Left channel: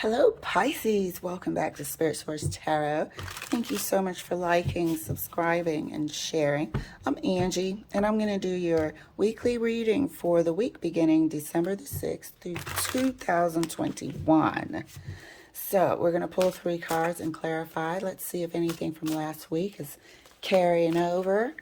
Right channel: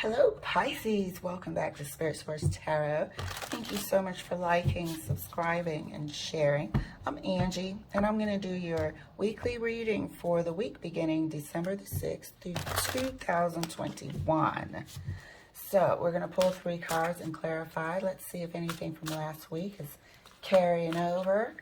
Hello, Pisces. Welcome back to Spirit Source Tarot. Thank you so much for liking, subscribing, and sharing. I'm Angie, and I'm going to do your weekly reading for the week beginning December the 6th through 2021. So we're going to pull 3 cards and clarify. Let's see if anything from last week is carrying over.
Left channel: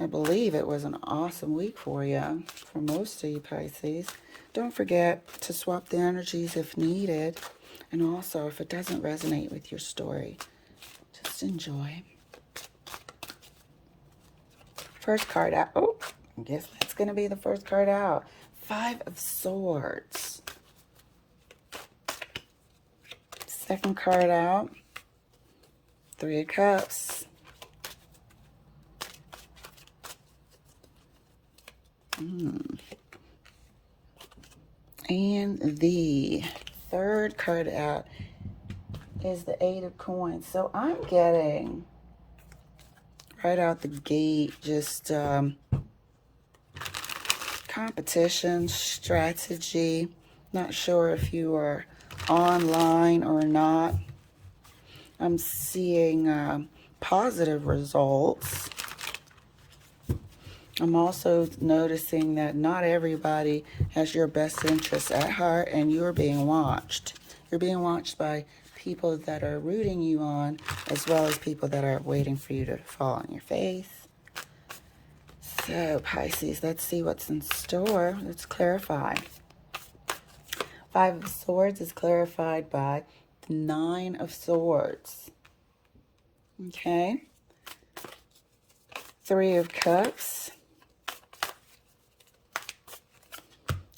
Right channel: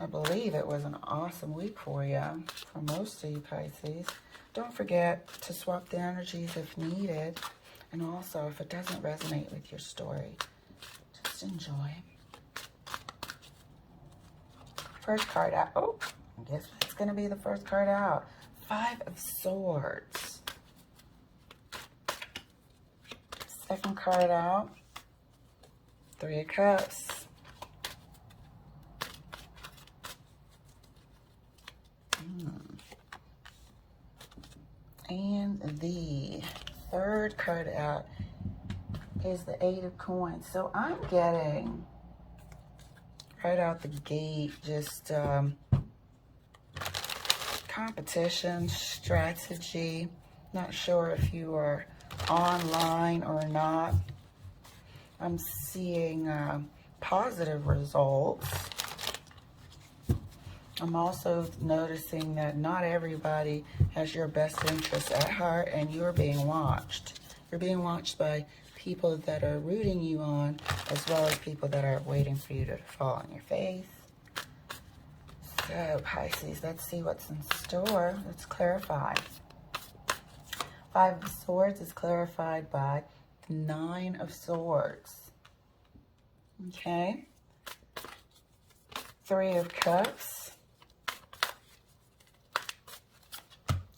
I believe it was an awesome week for you, for most of you Pisces. Don't forget to swap the energies if needed. And also, if it doesn't resonate with your story, just enjoy. First card out. Oh, I guess that's going to be the first card out. 5 of Swords. Second card out. 3 of Cups. And the third card out is the 8 of Coins. So I'm getting right out the gate just competition, strategy. Not sure if you are online or not. I'm seeing positive results. I'm also noticing that not everybody has your best interests at heart, and you're being watched. You're being watched by people that are rooting you on, as well as people that are waiting for you to fall on your face. So, Pisces, let's see what's in store. Let's clarify. 5 of Swords is clarified by the 9 of Swords. Okay. 3 of Cups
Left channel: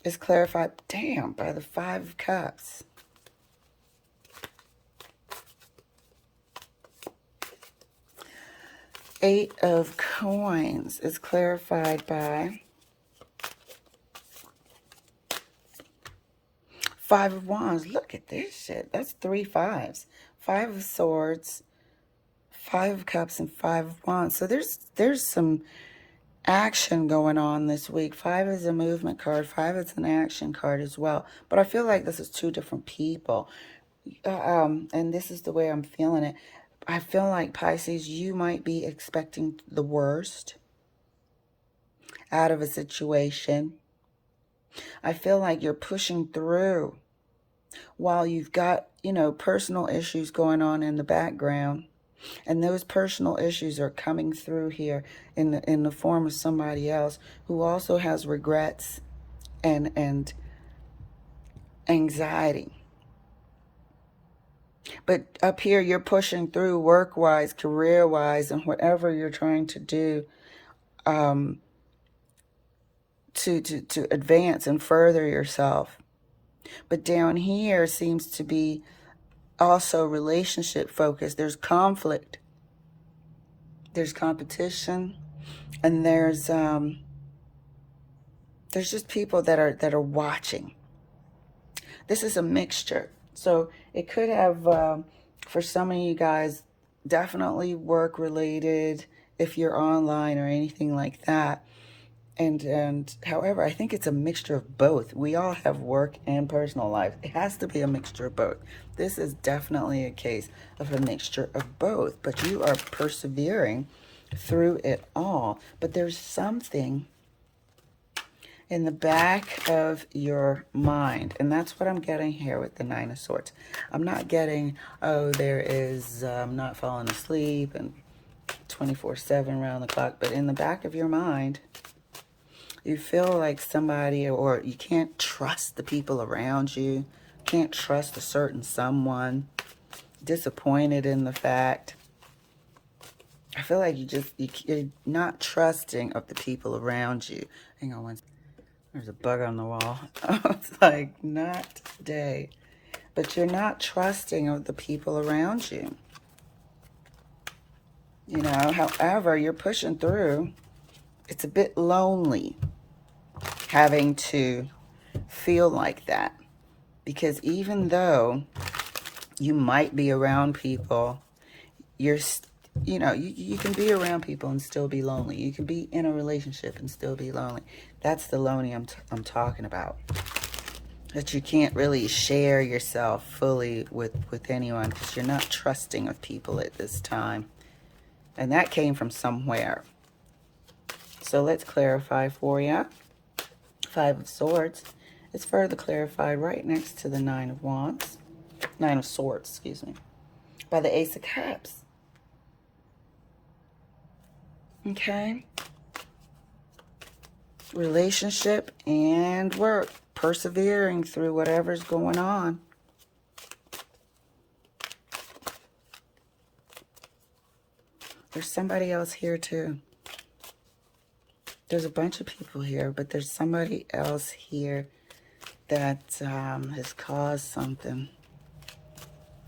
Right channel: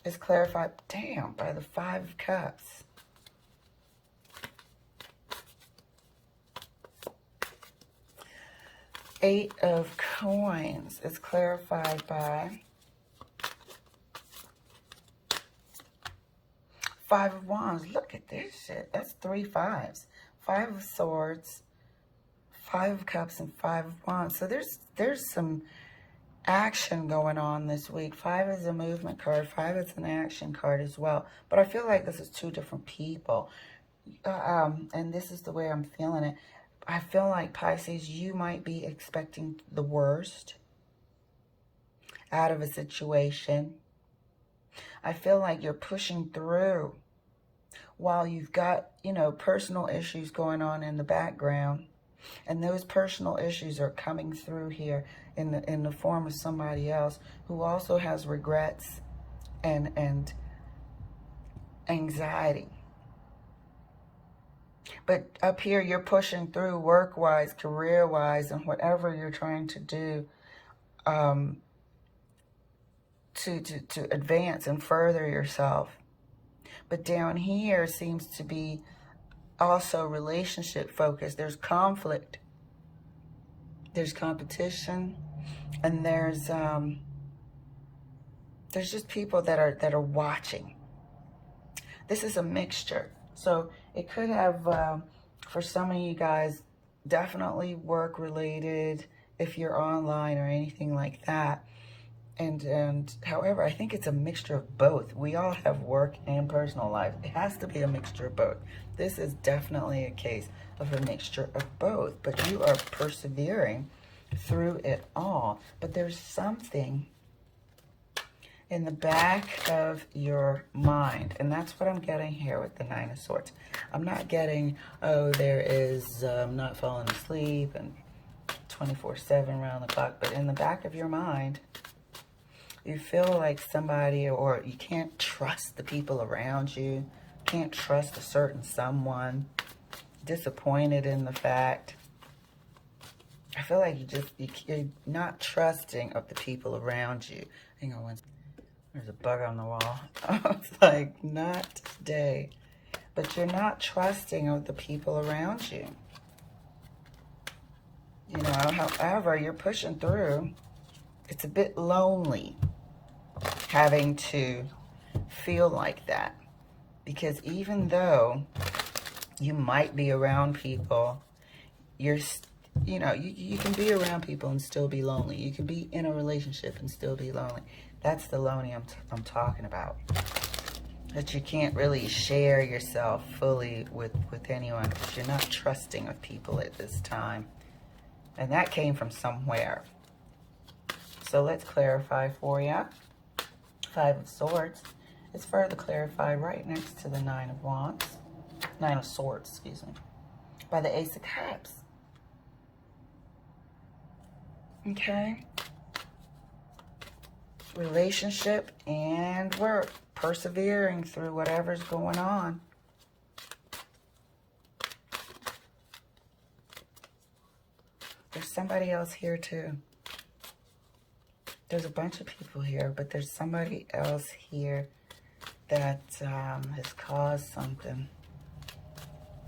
is clarified, by the 5 of Cups. Eight of Coins is clarified by 5 of Wands. Look at this shit. That's 3 5s. 5 of Swords, 5 of Cups, and 5 of Wands. So there's some action going on this week. 5 is a movement card. 5 is an action card as well. But I feel like this is 2 different people. And this is the way I'm feeling it. I feel like, Pisces, you might be expecting the worst out of a situation. I feel like you're pushing through while you've got, personal issues going on in the background. And those personal issues are coming through here in the form of somebody else who also has regrets and anxiety. But up here, you're pushing through work-wise, career-wise, and whatever you're trying to do to advance and further yourself. But down here seems to be also relationship focused. There's conflict. There's competition. And there's just people that are watching. This is a mixture. So it could have, for some of you guys, definitely work related if you're online or anything like that. And however, I think it's a mixture of both. We all have work and personal life. It has to be a mixture of both. This is definitely a case of a mixture of both. But you are persevering through it all. But there's something in the back of your mind. And that's what I'm getting here with the 9 of Swords. I'm not getting, there is not falling asleep and 24/7 around the clock. But in the back of your mind, you feel like somebody, or you can't trust the people around you. Can't trust a certain someone. Disappointed in the fact. I feel like you're not trusting of the people around you. Hang on one second. There's a bug on the wall. It's like, not today. But you're not trusting of the people around you. However, you're pushing through. It's a bit lonely having to feel like that. Because even though you might be around people, you can be around people and still be lonely. You can be in a relationship and still be lonely. That's the lonely I'm talking about. That you can't really share yourself fully with anyone because you're not trusting of people at this time. And that came from somewhere. So let's clarify for you. Five of Swords is further clarified right next to the Nine of Wands. Nine of Swords, excuse me. By the Ace of Cups. Okay. Relationship and work. Persevering through whatever's going on. There's somebody else here too. There's a bunch of people here, but there's somebody else here that has caused something.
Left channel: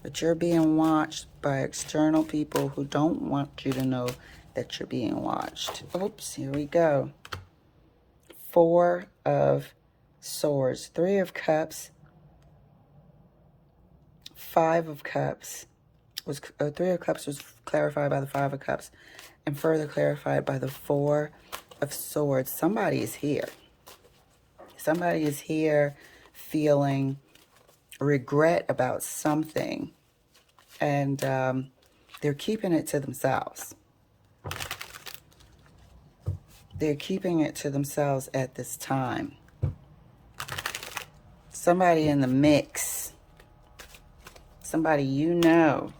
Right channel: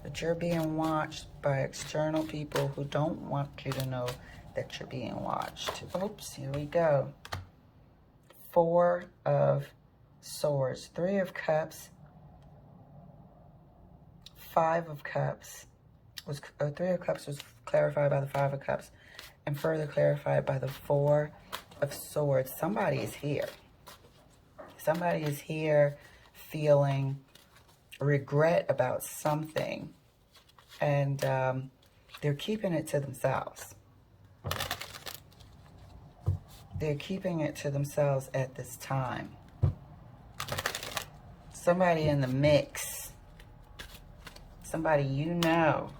But you're being watched by external people who don't want you to know that you're being watched. Oops, here we go. Four of Swords, Three of Cups, Five of Cups. Three of Cups was clarified by the Five of Cups and further clarified by the Four of Swords. Somebody is here. Somebody is here feeling regret about something, and they're keeping it to themselves. They're keeping it to themselves at this time. Somebody in the mix. Somebody you know.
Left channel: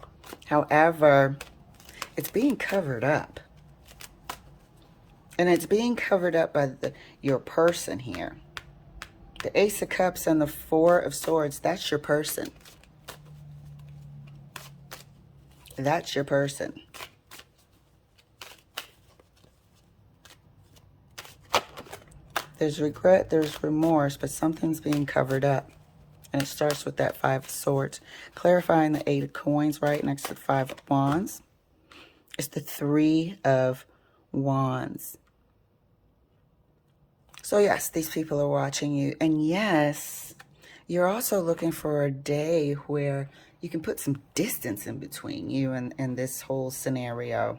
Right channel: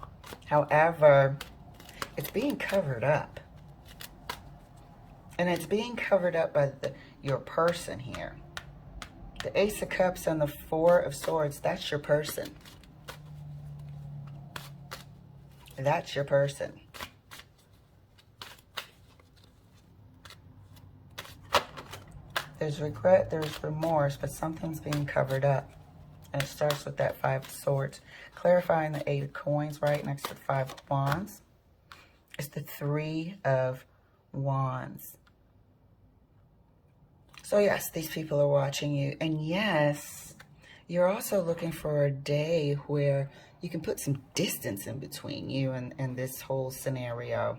However, it's being covered up. And it's being covered up by your person here. The Ace of Cups and the Four of Swords, that's your person. That's your person. There's regret, there's remorse, but something's being covered up. And it starts with that Five of Swords. Clarifying the Eight of Coins right next to the Five of Wands. It's the Three of Wands. So yes, these people are watching you. And yes, you're also looking for a day where you can put some distance in between you and this whole scenario.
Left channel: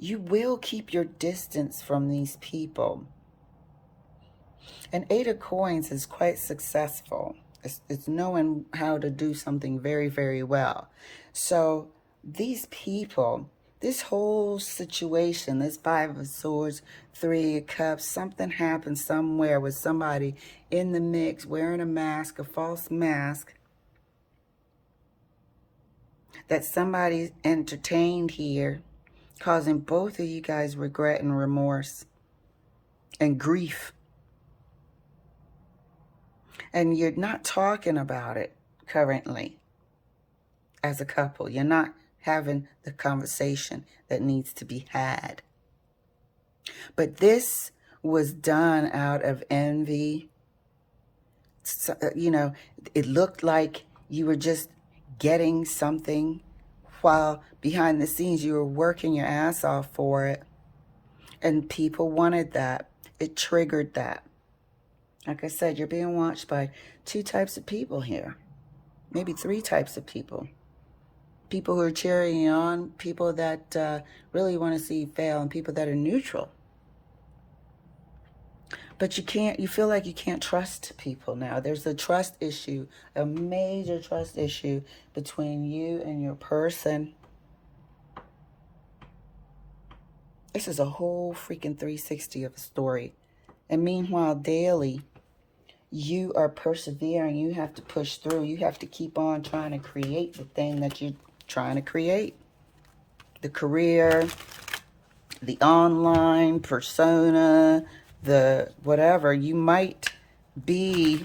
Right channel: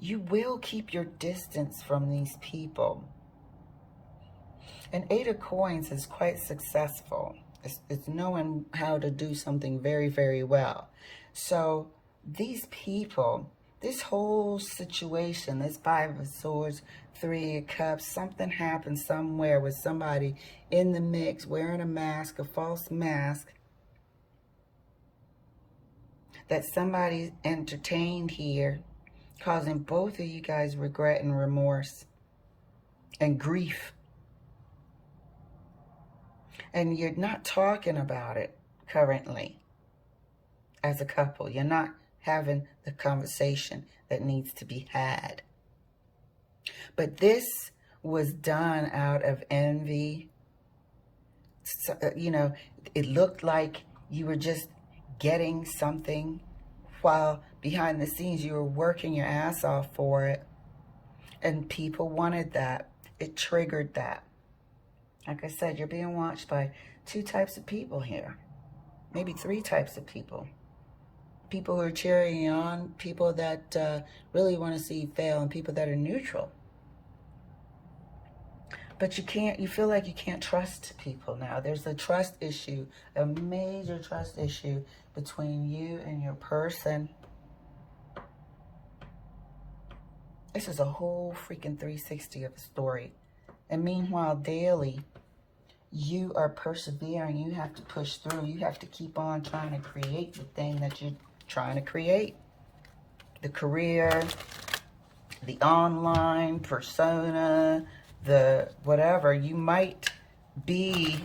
You will keep your distance from these people. An Eight of Coins is quite successful. It's knowing how to do something very, very well. So these people, this whole situation, this Five of Swords, Three of Cups, something happened somewhere with somebody in the mix wearing a mask, a false mask, that somebody entertained here, causing both of you guys regret and remorse and grief. And you're not talking about it currently as a couple. You're not having the conversation that needs to be had. But this was done out of envy. So, you know, it looked like you were just getting something while behind the scenes you were working your ass off for it. And people wanted that. It triggered that. Like I said, you're being watched by two types of people here. Maybe three types of people. People who are cheering you on, people that really want to see you fail, and people that are neutral. But you feel like you can't trust people now. There's a trust issue, a major trust issue between you and your person. This is a whole freaking 360 of a story. And meanwhile, daily, you are persevering. You have to push through. You have to keep on trying to create the thing that you're trying to create. The career, the online persona, the whatever. You might be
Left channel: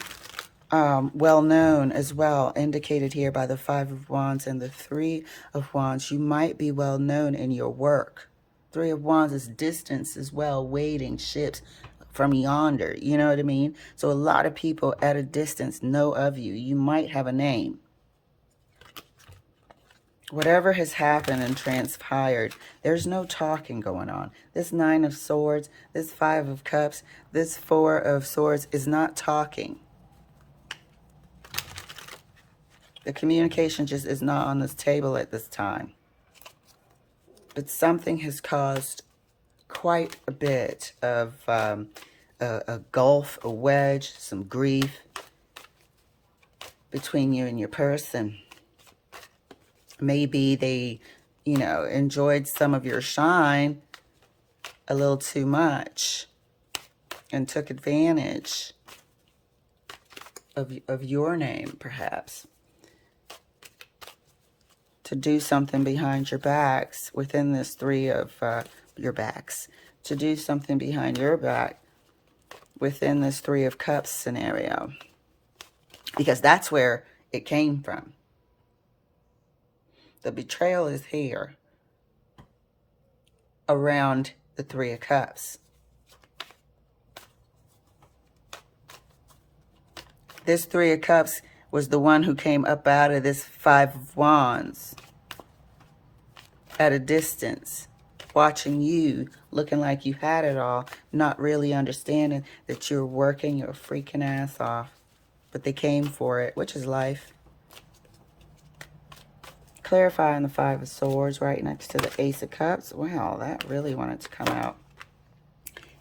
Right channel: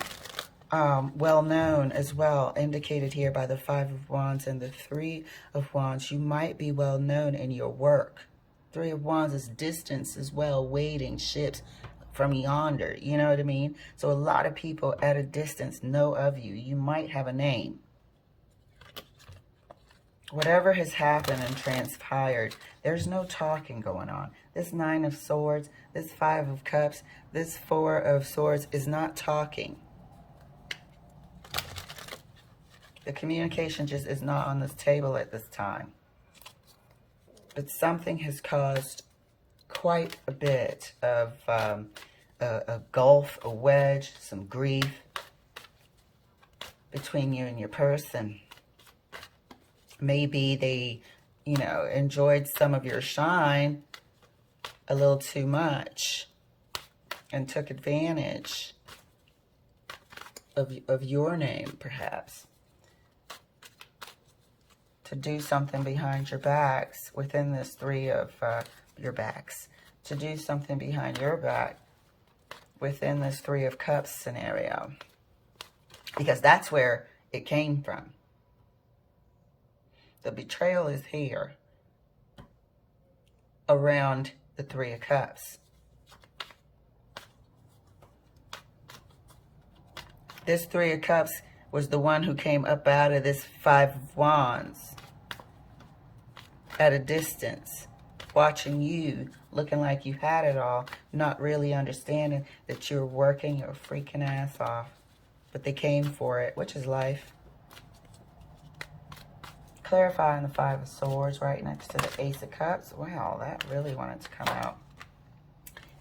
well known as well, indicated here by the Five of Wands and the Three of Wands. You might be well known in your work. Three of Wands is distance as well, waiting, ships from yonder, you know what I mean? So a lot of people at a distance know of you. You might have a name. Whatever has happened and transpired, there's no talking going on. This Nine of Swords, this Five of Cups, this Four of Swords is not talking. The communication just is not on this table at this time. But something has caused quite a bit of a gulf, a wedge, some grief between you and your person. Maybe they, enjoyed some of your shine a little too much and took advantage of your name, perhaps, to do something behind your backs within this three of your backs, to do something behind your back within this Three of Cups scenario, because that's where it came from. The betrayal is here around the Three of Cups. This Three of Cups was the one who came up out of this Five of Wands at a distance, watching you, looking like you had it all, not really understanding that you're working your freaking ass off. But they came for it, which is life. Clarifying the Five of Swords right next to the Ace of Cups. Wow, that really wanted to come out.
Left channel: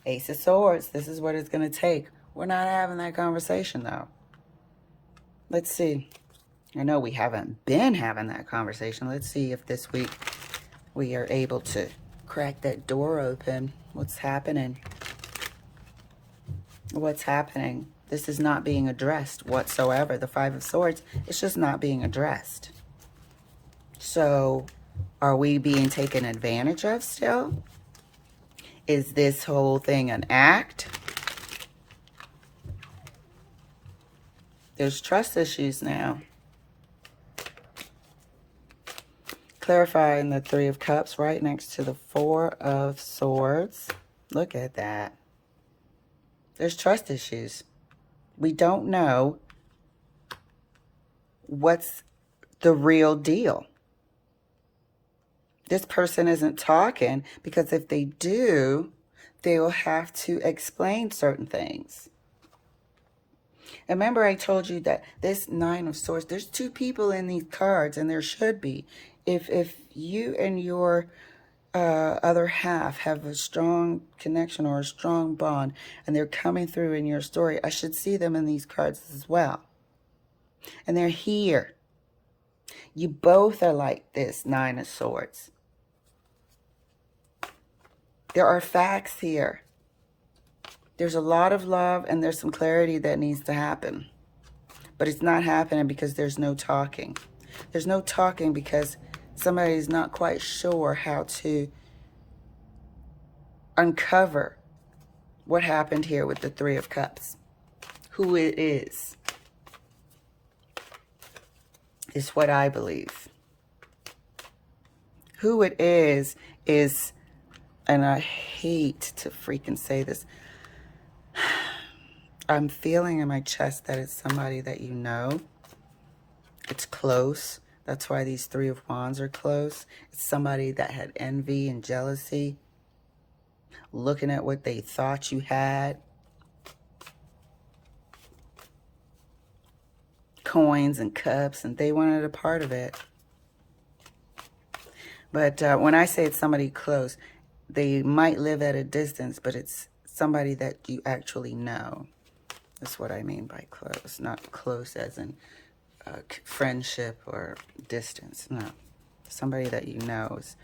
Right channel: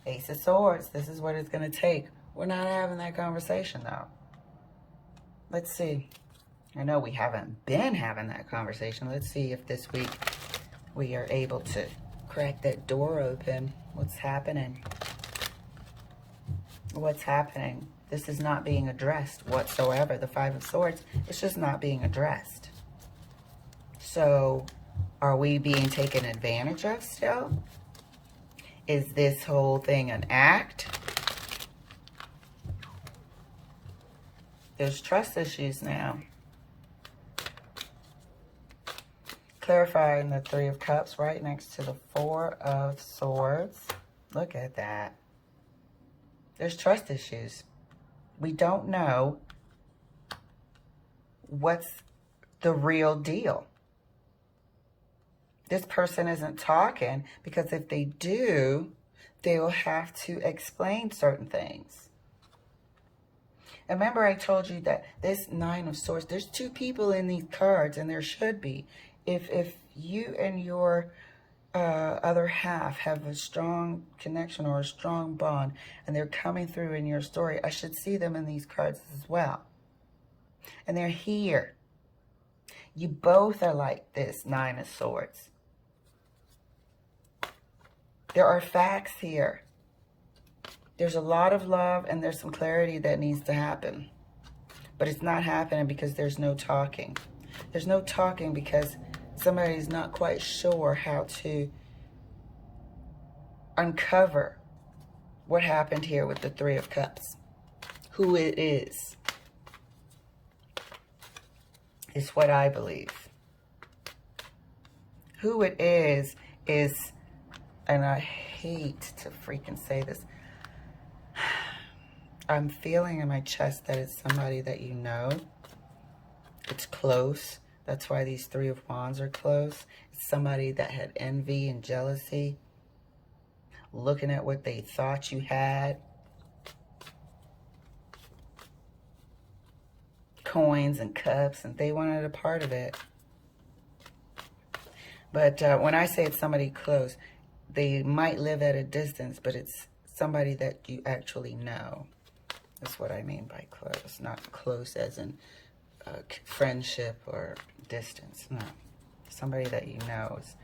Ace of Swords, this is what it's going to take. We're not having that conversation, though. Let's see. I know we haven't been having that conversation. Let's see if this week we are able to crack that door open. What's happening? What's happening? This is not being addressed whatsoever. The Five of Swords, it's just not being addressed. So, are we being taken advantage of still? Is this whole thing an act? There's trust issues now. Clarifying the Three of Cups right next to the Four of Swords. Look at that. There's trust issues. We don't know what's the real deal. This person isn't talking because if they do, they will have to explain certain things. And remember I told you that this Nine of Swords, there's two people in these cards, and there should be. If you and your other half have a strong connection or a strong bond, and they're coming through in your story, I should see them in these cards as well. And they're here. You both are like this Nine of Swords. There are facts here. There's a lot of love, and there's some clarity that needs to happen. But it's not happening because there's no talking. There's no talking because somebody's not quite sure how to uncover what happened here with the Three of Cups. Who it is what I believe. Who it is, and I hate to freaking say this, I'm feeling in my chest that it's somebody that you know. It's close. That's why these Three of Wands are close. It's somebody that had envy and jealousy, looking at what they thought you had. Coins and cups, and they wanted a part of it. But when I say it's somebody close, they might live at a distance, but it's somebody that you actually know. That's what I mean by close. Not close as in friendship or distance. No. Somebody that you know is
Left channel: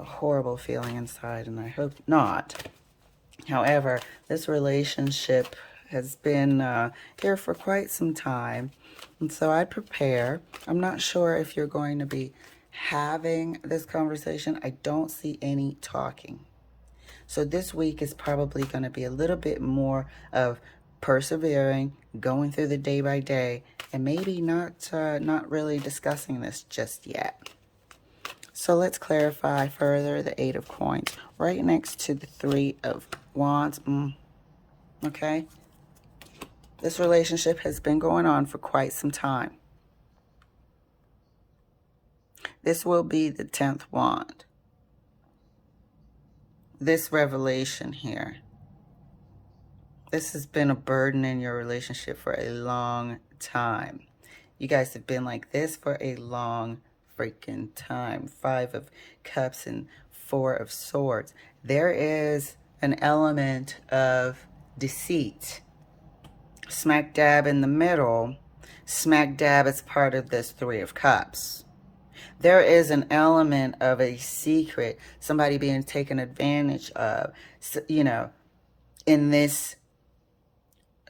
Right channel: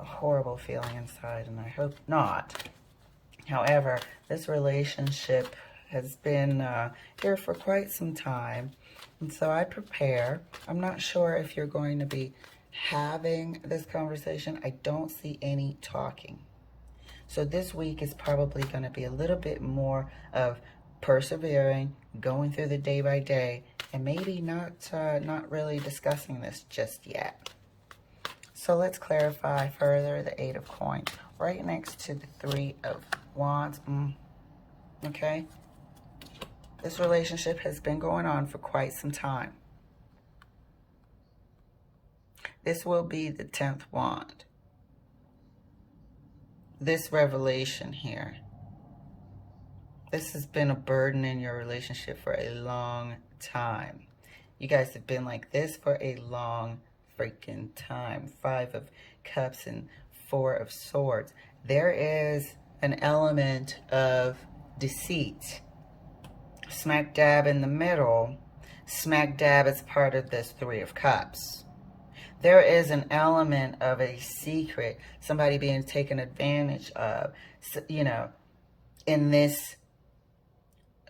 a horrible feeling inside, and I hope not. However, this relationship has been here for quite some time, and so I prepare. I'm not sure if you're going to be having this conversation. I don't see any talking. So this week is probably going to be a little bit more of persevering, going through the day by day, and maybe not really discussing this just yet. So let's clarify further the Eight of Coins right next to the Three of Wands. Okay? This relationship has been going on for quite some time. This will be the 10th wand. This revelation here. This has been a burden in your relationship for a long time. You guys have been like this for a long freaking time. Five of Cups and Four of Swords. There is an element of deceit. Smack dab in the middle, smack dab as part of this Three of Cups. There is an element of a secret, somebody being taken advantage of, you know, in this,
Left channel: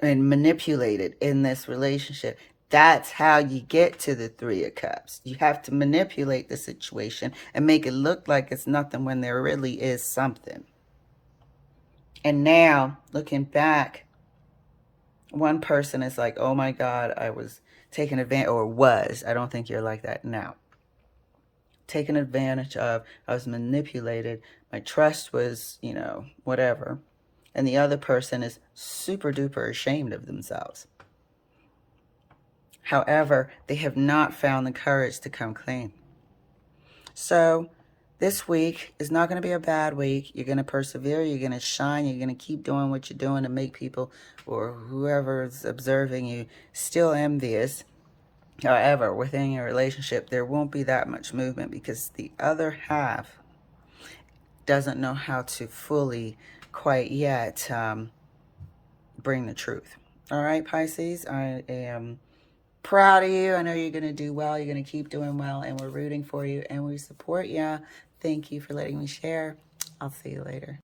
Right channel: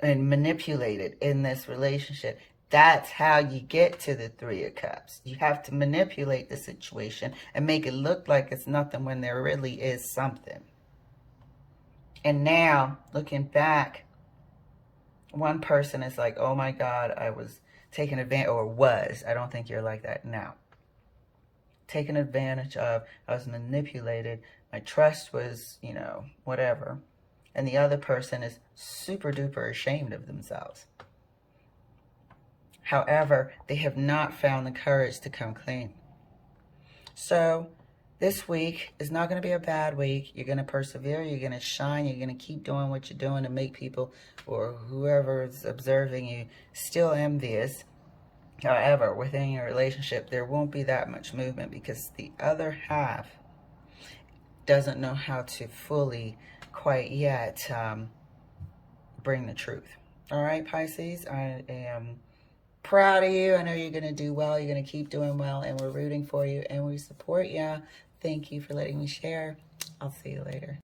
and manipulated in this relationship. That's how you get to the Three of Cups. You have to manipulate the situation and make it look like it's nothing when there really is something. And now, looking back, one person is like, oh my God, I was taken advantage, or was. I don't think you're like that now. Taken advantage of. I was manipulated. My trust was, you know, whatever. And the other person is super duper ashamed of themselves. However, they have not found the courage to come clean. So this week is not going to be a bad week. You're going to persevere. You're going to shine. You're going to keep doing what you're doing to make people, or whoever is observing you, still envious. However, within your relationship, there won't be that much movement because the other half doesn't know how to fully, quite yet, bring the truth. All right, Pisces, I am proud of you. I know you're going to do well. You're going to keep doing well, and we're rooting for you, and we support you. Thank you for letting me share. I'll see you later.